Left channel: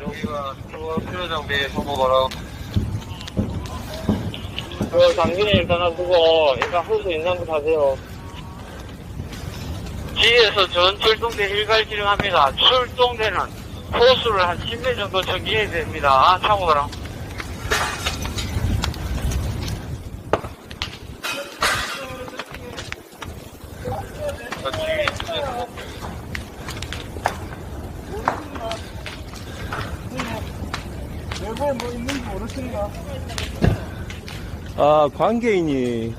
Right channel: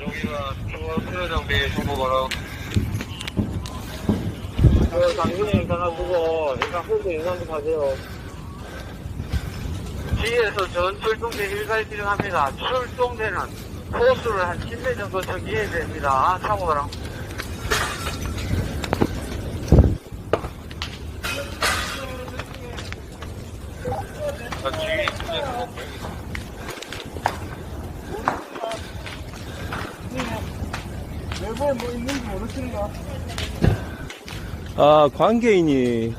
여기가 중앙 장비 정보바로 그 장비는 일단 하시고 일단 호수 인상도 가세요. 지에서 전 출동대 일괄 진행합니다. 출동대는 호수를 한 10회 정도 저기해야 됩니다. 참고로. 아, 관계인이